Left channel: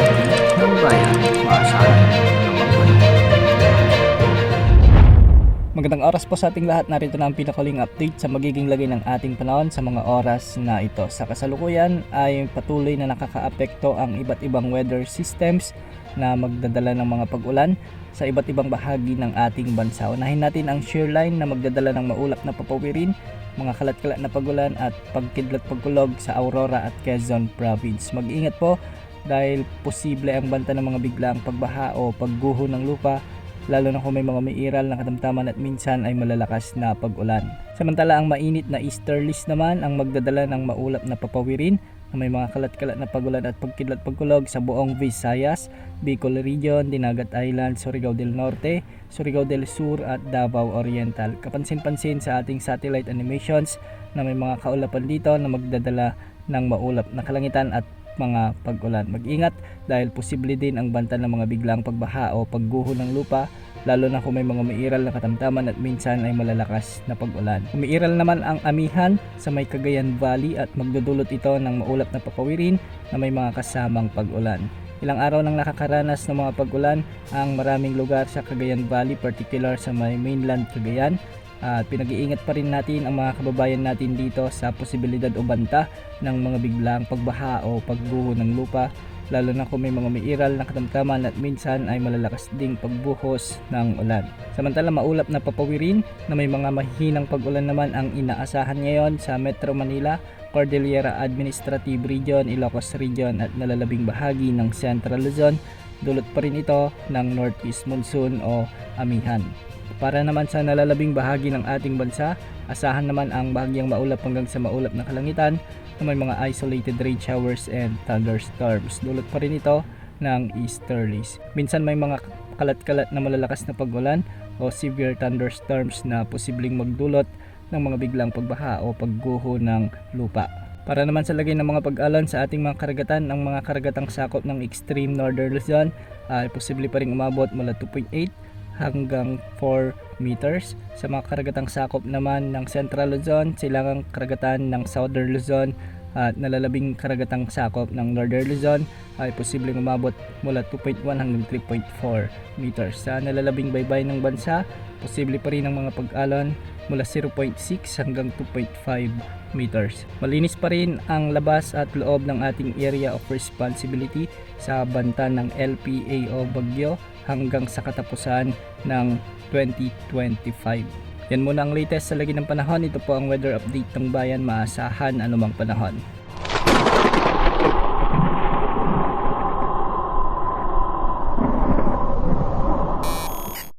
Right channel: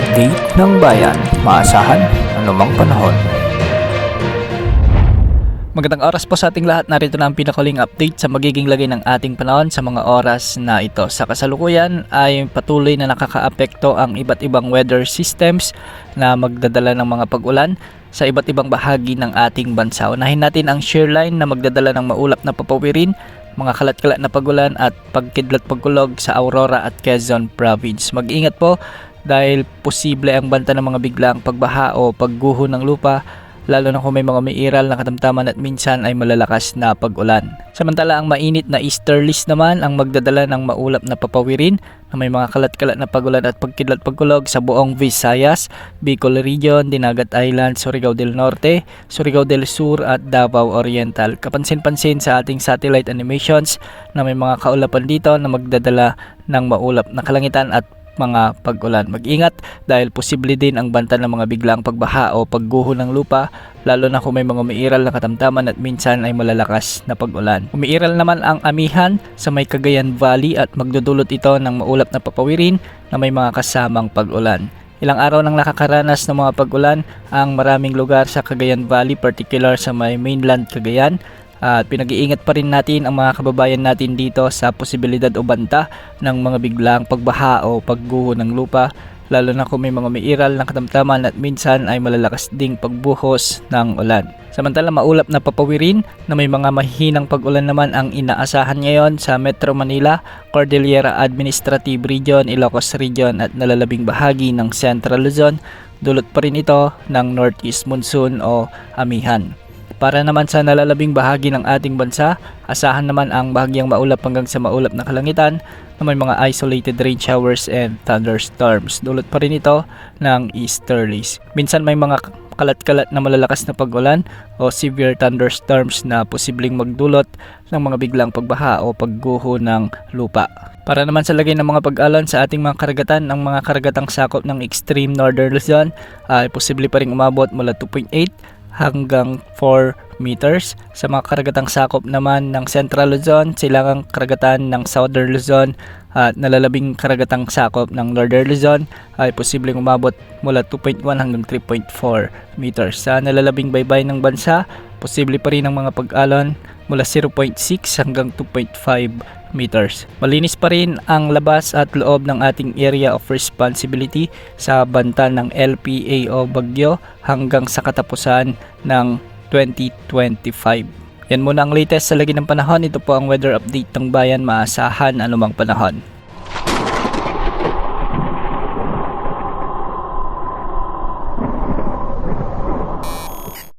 update ng bayan, maasahan anumang panahon. Magandang oras po sa ating lahat. Narito na ang pinakaling update sa magiging lagay ng ating panahon sa mga oras na ito. Sa kasalukuyan ay patuloy na nakakaapekto ang iba't ibang weather systems na magdadala ng mga pag-ulan sa iba't ibang bahagi ng ating bansa. Unahin natin ang shearline na magdadala ng maulap na papawirin, mga kalat-kalat na pag-ulan at pagkidlat pagkulog sa Aurora at Quezon Province. Mag-ingat po dahil posible ang banta ng mga biglaang pagbaha o pagguho ng lupa, lalo na kung may mga mairal na katamtaman at minsan ay malalakas na pag-ulan. Samantala ang mainit na easterlies naman ang magdadala ng maulap na papawirin na may mga kalat-kalat na pag-ulan at pagkidlat pagkulog sa buong Visayas, Bicol Region, Dinagat Island, Surigao del Norte, Surigao del Sur at Davao Oriental. Kapansin-pansin sa ating satellite animations na may mga kaulapan dito na magdadala ng maulap na kalangitan at mga pag-ulan. Mag-ingat dahil posible din ang banta ng mga biglang pagbaha o pagguho ng lupa, lalo na kung may mga umiiral na katamtaman at minsan ay malalakas na pag-ulan. Umiiral naman ang amihan sa may Cagayan Valley at magdudulot ito ng maulap na papawirin na may mga kasamang pag-ulan. Ilang araw nang nakakaranas ng mga pag-ulan ang maraming lugar sa Cagayan Valley, particular sa may mainland Cagayan. At pinag-iingat pa rin natin ang mga kababayan natin dito sa posibilidad o banta ng mga biglaang pagbaha o pagguho ng lupa, lalo na kung may mga mairal na katamtaman at minsan ay malalakas ding pagbuhos ng ulan. Samantala maulap na papawirin na may mga mahihinang pag-ulan naman ang inaasahan ngayon sa Metro Manila, Cordillera Administrative Region, Ilocos Region at nalalabing bahagi ng Central Luzon. Dulot pa rin ito ng Northeast Monsoon o amihan. Para naman sa nalalabing bahagi ng ating bansa, asahan naman ang bahagyang maulap hanggang sa maulap na kalangitan na may mga isolated rain showers and thunderstorms. Dulot pa rin ito ng easterlies. Minsan may mga kalat-kalat na malalakas na pag-ulan o severe thunderstorms na posibleng magdulot ng mga biglang pagbaha o pagguho ng lupa. Para naman sa lagay ng mga pag-alon sa ating mga karagatan, ang mga karagatang sakop ng extreme northern Luzon ay posible pa rin umabot mula 2.8 hanggang 4 meters. Sa mga karagatang sakop naman ng Central Luzon, silangang karagatan ng Southern Luzon at nalalabing karagatang sakop ng Northern Luzon ay posibleng umabot mula 2.1 hanggang 3.4 meters. Sa nalalabing baybay ng bansa, posible pa rin ang mga pag-alon mula 0.6 hanggang 2.5 meters. Malinis pa rin ang labas at loob ng ating area of responsibility sa banta ng LPA o bagyo hanggang sa katapusan ng 2025. Yan muna ang latest sa lagi ng panahon. Ito po ang weather update ng bayan, maasahan anumang panahon.